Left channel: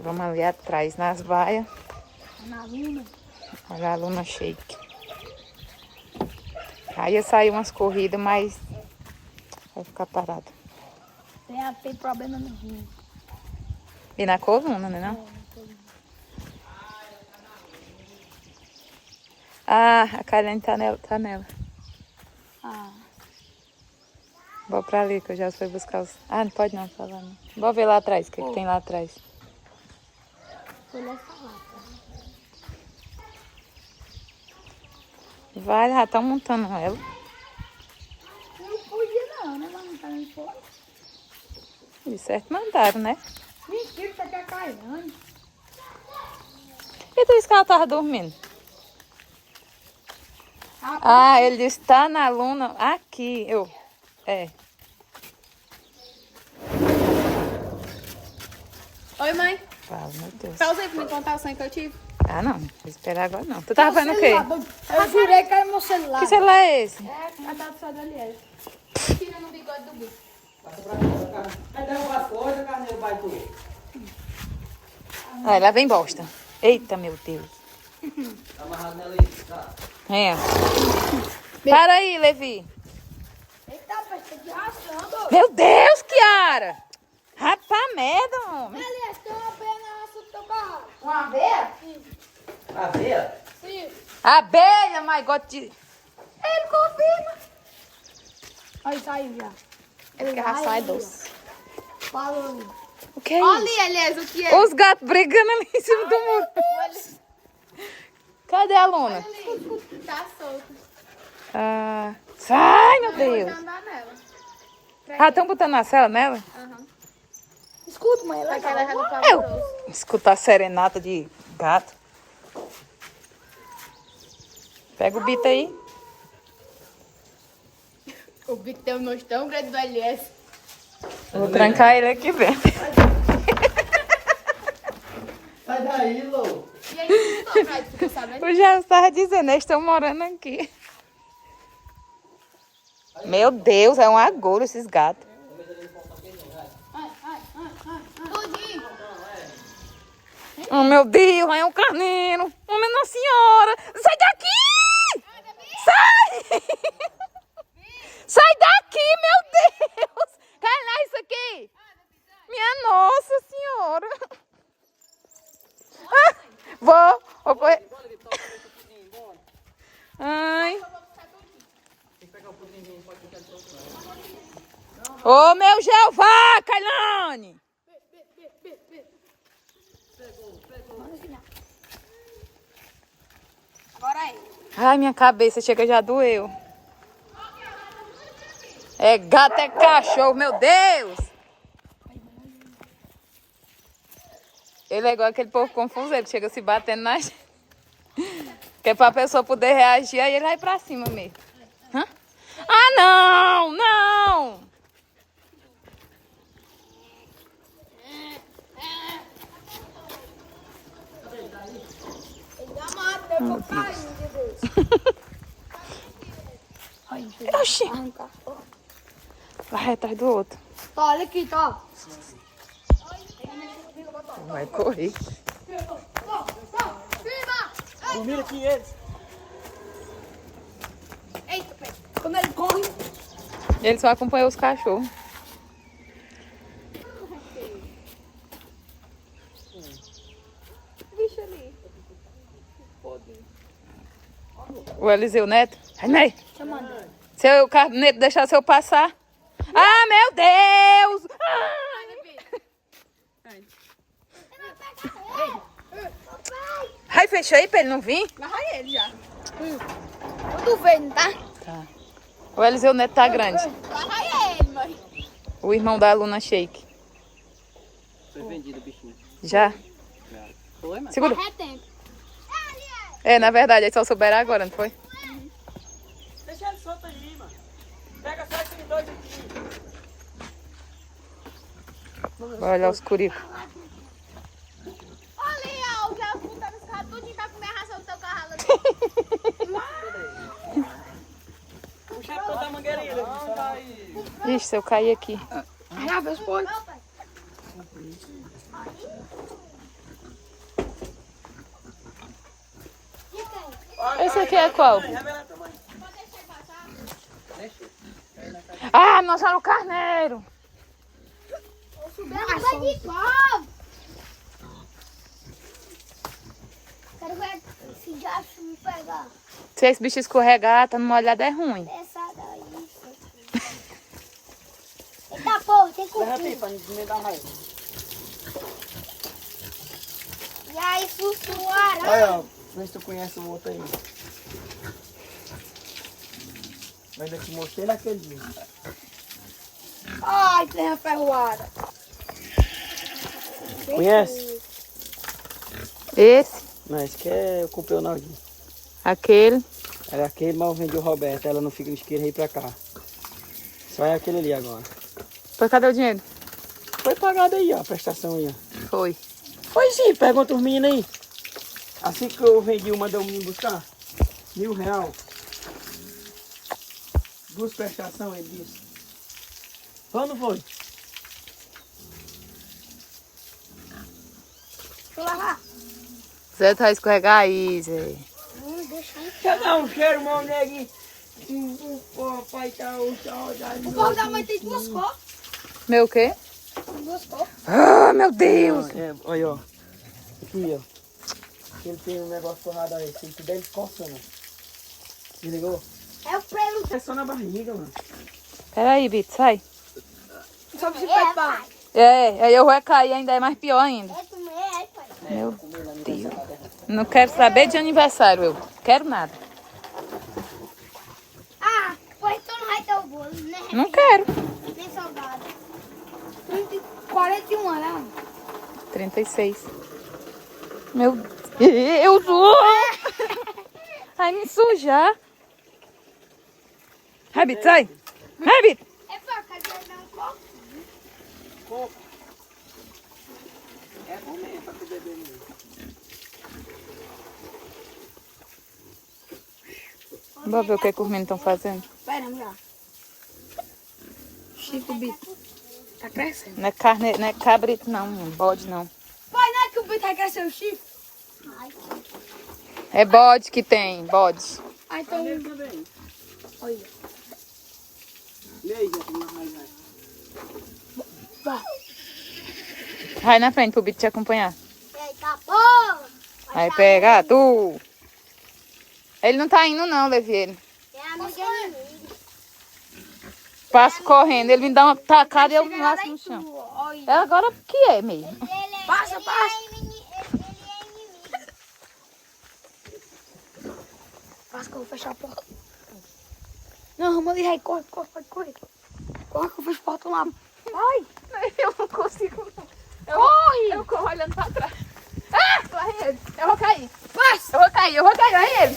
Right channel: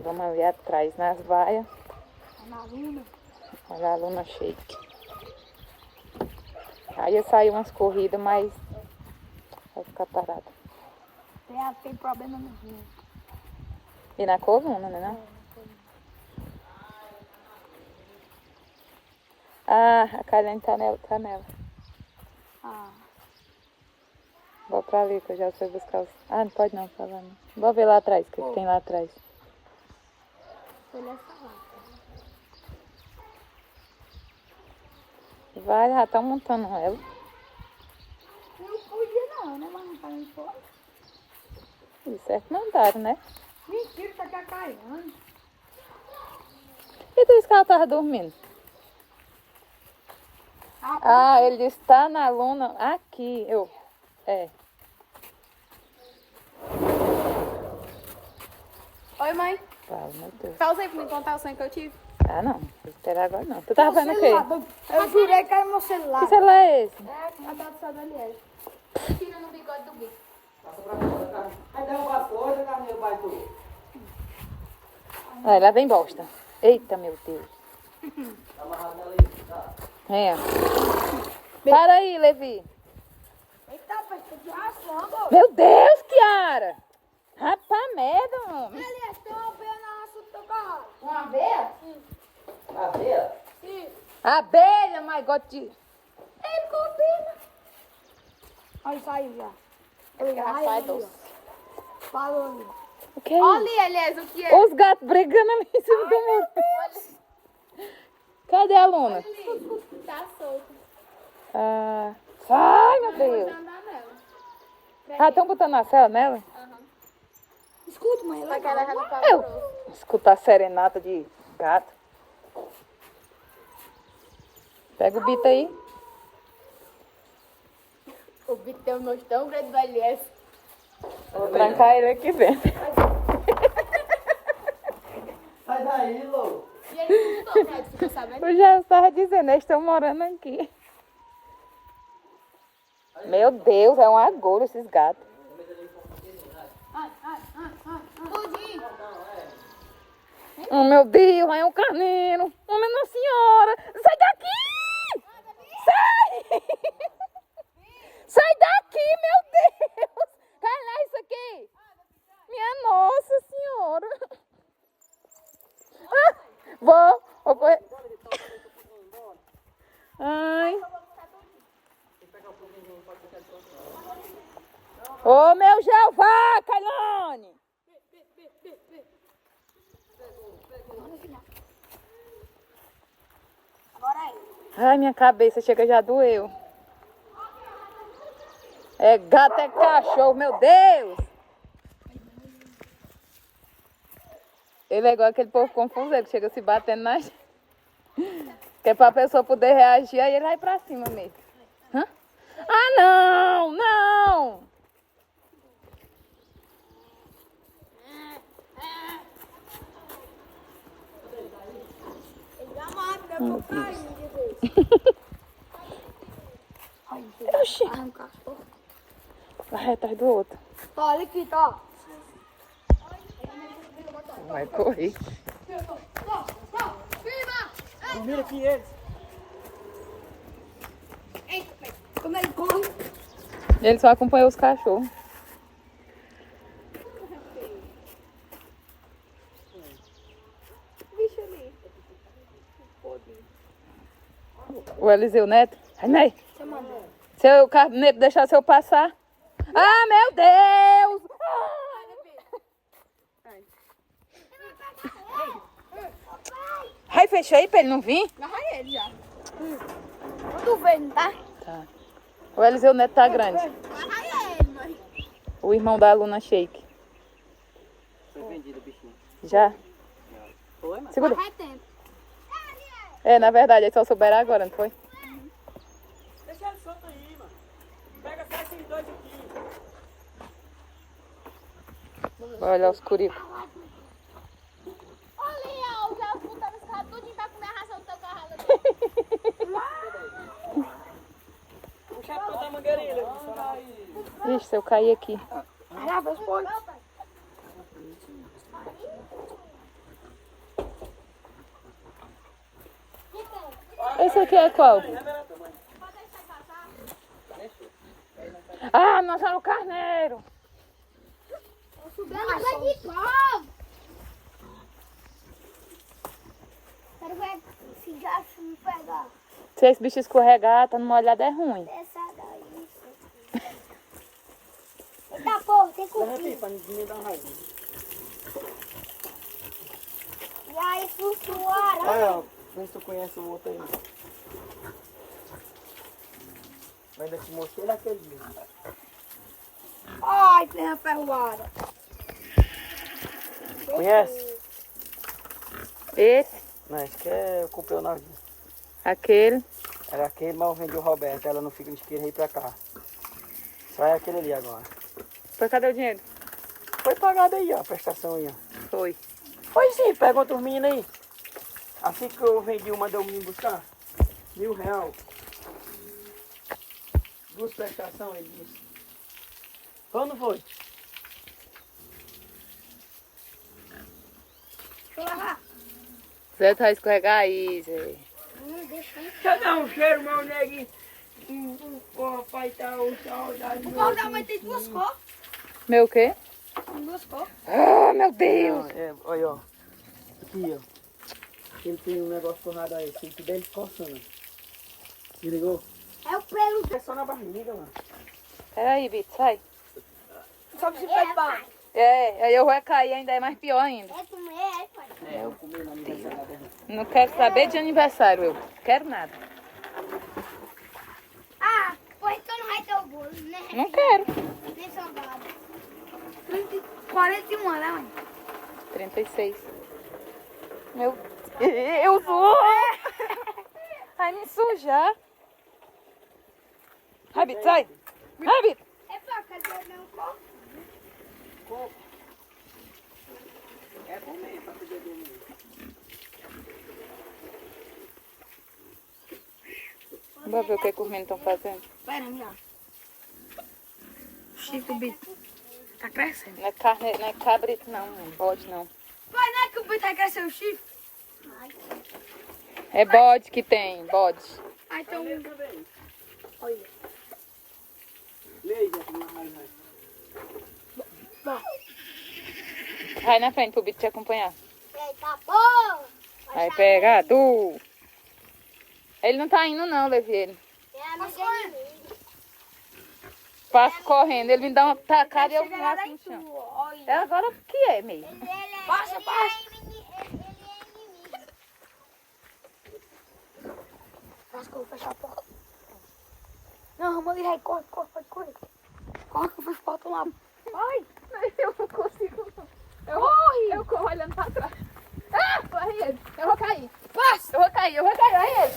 Vamos ali atrás, nas vaias. Na luna. Olha a Luna Shake. Aí ia sair umas corridas, mas vai ficar parado. Tem problema no rim. E na coluna, né? Não? Ah, a Karen tá nela. Ah. Vou pra ali, que eu já fui buscar os... Ah, não pode não falar, não. Vou ver lá atrás, o que, que tem lá atrás. Ele é salada. Vai, já estão montando ela. Não podia não, né? Mas não tá nem fora. De certo mandaram, né? Mentira, tá aqui a Caiane. E tu disse que ela tava dormindo? Ah, ele disse, tá na Luna aqui. É. Oi, mãe. Fala, meu Deus. Pausa aí pra me contar o sonho que eu tive. Ah, não. Vou esperar agora, não. Tu tava vendo o quê? Eu jurei que era meu celular. Que celular é esse? É, a data do seu Daniel. Tira no bigode do bicho. Aí derruba as coisas, Carneiro Baitu. Ah, lá vem bosta. Eita, meu Deus. Tá amarrado nela aí, tá? É. Para aí, Levi. Eita, pai, tá de ração, Meu Deus, Kiara. Rapaz, merda, homem. Aliás, tem uma abelha na raça do teu carro. Uma abelha? Aveia? Sim. Abelha, my God. Ele confirma. Olha isso aí, já. É porque a ração é doce. Falou. O que é isso? Olha, aliás, o que é? Os gatos brigando ali em cima do muro. Cadê a Luna? Tá solto. Ah, sai, meu Vou Deus. andar nela. Ah, estão botando a cela nela? Escuta, mãe. Só que ela já não tá Eu escutar serenata de gato. Pega o bito aí. O bicho tem um nojo tão grande do LS. Vou trancar ele aqui dentro. Sai daí, Lô. E aí, não tô pra isso, ficou sabendo? Eu já estava dizendo, eles estão morando aqui. Meu Deus, é um agouro esses gatos. Tudinho. Oh, meu Deus, é um carneiro. Oh, minha senhora. Sai daqui! Sai! Sai daqui, meu Deus! Cai isso aqui! Minha Nossa Senhora! Ah, vou correr. Ai. Ô, meu Jeová, Kailane! Agora aí. Ai, minha cabeça chega já doeu. É gato, é cachorro, meu Deus! Ele é igual aquele povo confuso, que chega se batendo na gente. Que é pra pessoa poder reagir, aí ele vai pra cima mesmo. Hã? Ah, não! Não! Meu Deus. Oxi! Vai atrás do outro. Tá, olha aqui, tá. Vai correr. Mira aqui eles. Como ele corre. Ele só acompanhou os cachorros. Bicho ali. O Eliseu Neto. Ai, Ney. Chamando. Se o Neto deixar eu passar. Ah, meu Deus! Ai, fechou aí pra ele não vir? Agarra ele já. Tudo vendo, tá? Tá. O Eliseu Neto tá grande. Agarra ele, mãe. O irmão da Luna Shake. Foi vendido o bichinho. Já? Foi, mano? Segura. É tempo. É, na verdade, aí só souberam agora, não foi? Deixa ele solto aí, mano. Pega só esses dois aqui. Vai olhar os curicos. Ali, ó, o que eu puta nos carros, tudinho pra comer a ração do teu carro. Puxa a ponta da mangueirinha. Não, tá aí. Ixi, se eu cair aqui. Já fez pode. Esse aqui é qual? Revela tamanho. Ah, nós já no carneiro. Ela vai de pau. Quero ver se já me pegar. Se esse bicho escorregar, tá numa olhada é ruim. Essa daí. Eita porra, tem que Leva aqui pra me dar raiva. E aí, flutuaram. Olha, ó. Vê se tu conhece o outro aí. Eu ainda te mostrei naquele dia. Ai, terra ferroada. Conhece? Esse, Não, esse aqui é o campeonato. aquele. Era aquele, mas eu vendi o Roberto. Ela não fica no isqueiro aí pra cá. Só é aquele ali agora. Pois cadê o dinheiro? Foi pagado aí, ó, a prestação aí, ó. Foi. Foi sim, pergunta os meninos aí. Assim que eu vendi, eu mandei o menino buscar. R$1.000. Duas prestações, ele disse. Quando foi? Deixa eu lavar. Zé tá escorregar aí, Zé. Deixa aí. Deixa eu dar um cheiro, meu neguinho. O papai tá o saudade. O carro da mãe tem duas cores. Meu quê? Tem duas cores. Ah, meu Deus. É, olha, ó. Aqui, ó. Ele tem um negócio forrado aí. Se tu der, ele coçando. Se ligou? É o pelo. É só na barriga, mano. Peraí, Bito, sai. Só pra você pegar. É, aí eu vou cair ainda, é mais pior ainda. É também, é, pai. Meu Deus. Não quero saber de aniversário, eu. Quero nada. Ah, pois então não vai ter o bolo, né? Não quero. Nem salgado. 41 anos, né, mãe? 36. Meu Deus. Vai me sujar. Rabbit, sai. Rabbit. É pra cá, vai dar um copo. Coco. É bom mesmo pra tu beber mesmo. Vamos ver o que os meninos estão fazendo. Pera, já. Chico Bito. Tá crescendo. Não é carne, não é cabrito não, bode não. Pai, não é que o Bito vai crescer o chifre? É bode que tem, bode. Ah, então... Também. Olha. E aí, Zé, como vai? Vai. Vai na frente pro Bito te acompanhar. Eita, porra. Vai pegar tu. Ele não tá indo não, Levi, ele. É a amiga inimiga. Passo correndo, ele me dá uma tacada e eu laço no chão. Olha. É agora o que é mesmo. Passa, passa. Passa que eu vou fechar a porta. Não, arruma ali, corre, corre, pode correr. Corre que eu fecho a porta lá. Ai, eu não consigo não. Corre! Eu corro olhando pra trás. Ah, corre ele. Eu vou cair. Passa! Eu vou cair, olha ele.